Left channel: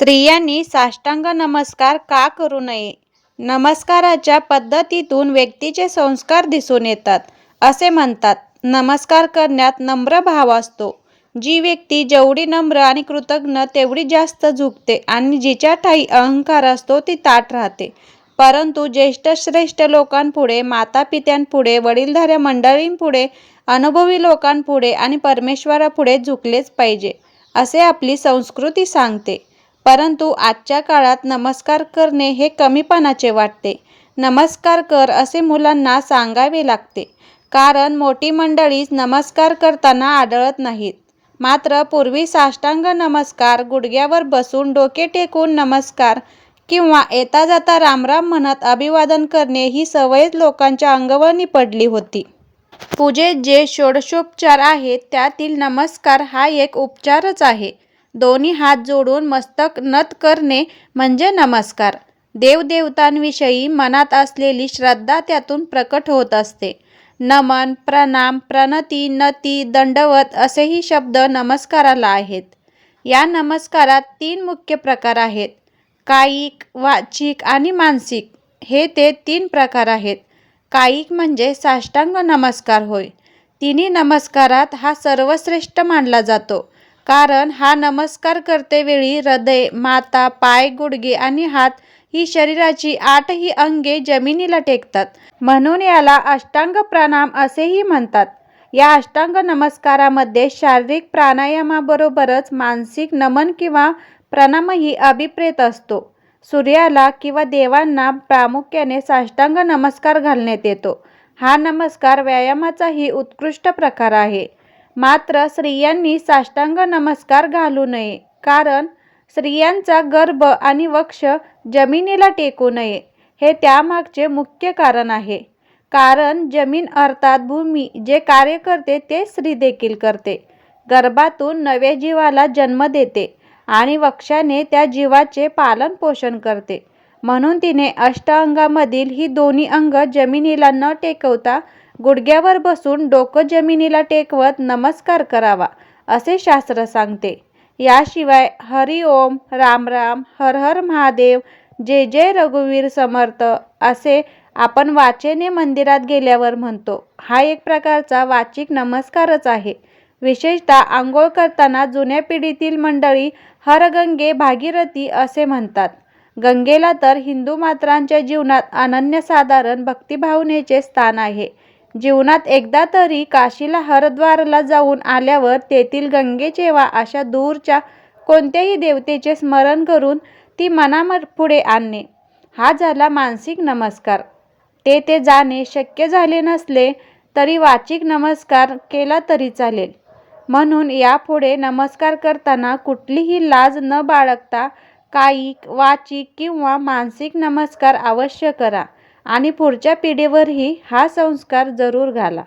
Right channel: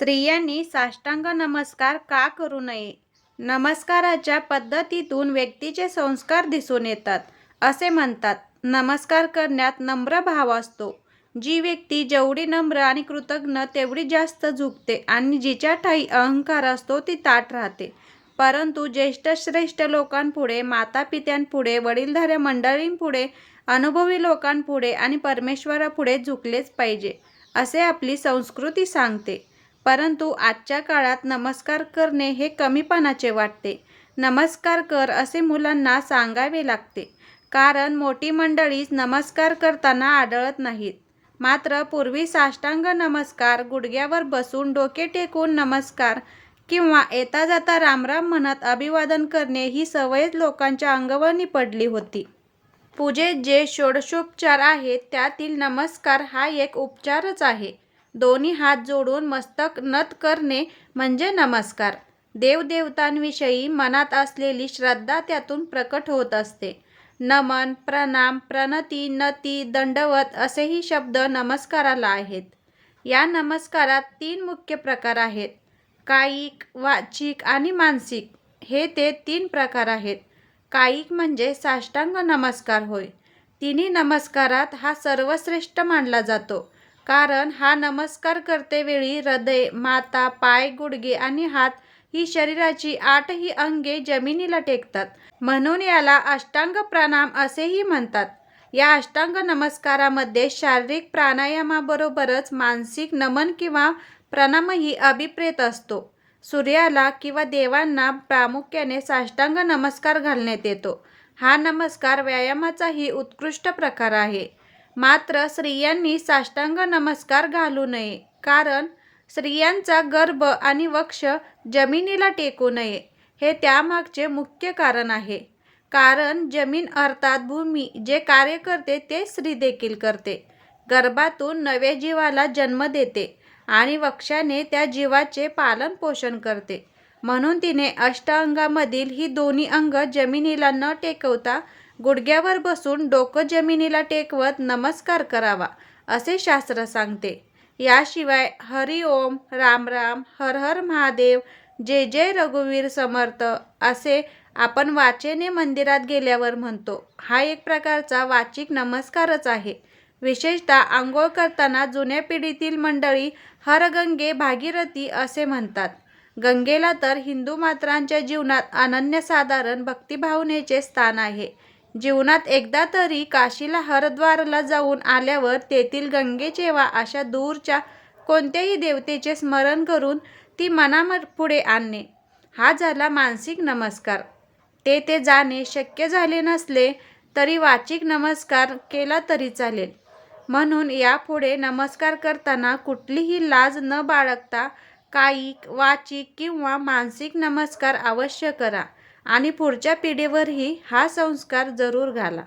स्त्रियांनी साष्टांग नमस्कार का करू नये? नमस्काराच्या पद्धतीतून व्यक्तीचे संस्कार दिसून येतात असे म्हणतात. नमस्कार करण्यात नम्र भाव असतो. जी व्यक्ती जेवढी नम्र आणि कृतज्ञ तेवढी जास्त झुकते आणि जिच्या ठाई अहंकार असतो ती ताठ राहते. परंतु ज्येष्ठ श्रेष्ठ लोकांपुढे मातापित्यांपुढे वडीलधाऱ्या मंडळींपुढे अनुभवी लोकांपुढे आणि परमेश्वरापुढे झुकलेच पाहिजे असे आपली संस्कृती सांगते. परंतु आजच्या काळात नमस्कार करणे हे कमीपणाचे वाटते. नमस्कार कर असे मुलांना सांगावे लागते. कारण मोठी मंडळीच नमस्कार करताना आढळत नाहीत. मात्र पूर्वी साष्टांग नमस्कार गुडघ्यावर बसून डोके टेकून नमस्कार किंवा येता जाता रामराम म्हणत अभिवादन करणे ही सवयच लोकांच्या अंगवळणी पडली होती. पूजेत जे षोडशोपचार आहेत त्यातील नमस्कार हा एक उपचारच आहे. दोन्ही हात जोडून मस्तक नत करणे म्हणजे नमस्कार. देवदेवतांविषयी मनात असलेली श्रद्धा त्यातून प्रकट होत असते. नमन प्रणाम प्रणती नती दंडवत असेही शब्द नमस्काराला आहेत. या नमस्कारात तीन मुख्य प्रकार आहेत. कायिक वाचिक आणि मानसिक. हे ते तीन प्रकार आहेत. कायिक म्हणजे साष्टांग नमस्कार होय. तिन्ही नमस्कारात हा सर्वश्रेष्ठ मानला जातो. कारण हा नमस्कार करतेवेळी हृदय माता पाय गुडघे आणि हात ही शरीराची आठही अंगे जमिनीला टेकतात. म्हणून याला अष्टांग प्राणाम असेही म्हणतात. या अष्टांग नमस्कारामध्ये शारीरिक प्राणायामाबरोबरच मानसिक नमन किंवा प्रणामही अभिप्रेत असतो. सूर्याला किंवा देवांना प्रामुख्याने साष्टांग नमस्कार घालण्यात येतो. हा नमस्कार व्यायामाचाही उत्कृष्ट प्रकार आहे. मात्र स्त्रियांनी साष्टांग नमस्कार घालू नये. कारण स्त्रियांचा गर्भ आणि वक्ष जमिनीला टेकू नये हे त्यामागचे मुख्य कारण आहे. कारण जमीन अर्थात भूमी जे कार्य करते ते स्त्री देखील करते. गर्भातून नव्या जीवाला जन्म देते आणि वक्षाने त्या जीवाचे पालन पोषण करते. म्हणून तिने अष्टांगामधील ही दोन्ही अंग जमिनीला न टेकवता गुडघ्यावर बसून डोकं जमिनीला टेकवत नमस्कार करावा असे शास्त्र सांगते. याशिवाय हरि ओम राम राम हर हर महादेव जय जय रघुवीर समर्थ असे आपण वाचेने मंदिरात गेल्यावर म्हणतो. हा एक प्रकारचा वाचिक नमस्कारच आहे. विशेषतः आंघोळ करताना जुन्या पिढीतील मंडळी हर गंगे भागीरथी असे म्हणतात. गंगेला तर हिंदू मात्रांच्या जीवनात अनन्यसाधारण भक्तिभावनेचे स्थान आहे. जीवनात एकदा तरी काशीला हरद्वारला जाऊन आल्यावर तेथील गंगेचे वा अशा दूरच्या कोणत्याही देवतेचे स्मरण करून ती मनापुढे आणणे. हा झाला मानसिक नमस्कार. ते ते जाणे शक्य झाले नसले तरी वाचिक नमस्कार केला तरी चालेल. म्हणून यापुढे नमस्कार करताना कुठलीही लाज न बाळगता कायिक वाचिक किंवा मानसिक नमस्कार अवश्य करा. आणि पुढच्या पिढीवरही हा संस्कार जरूर घाला.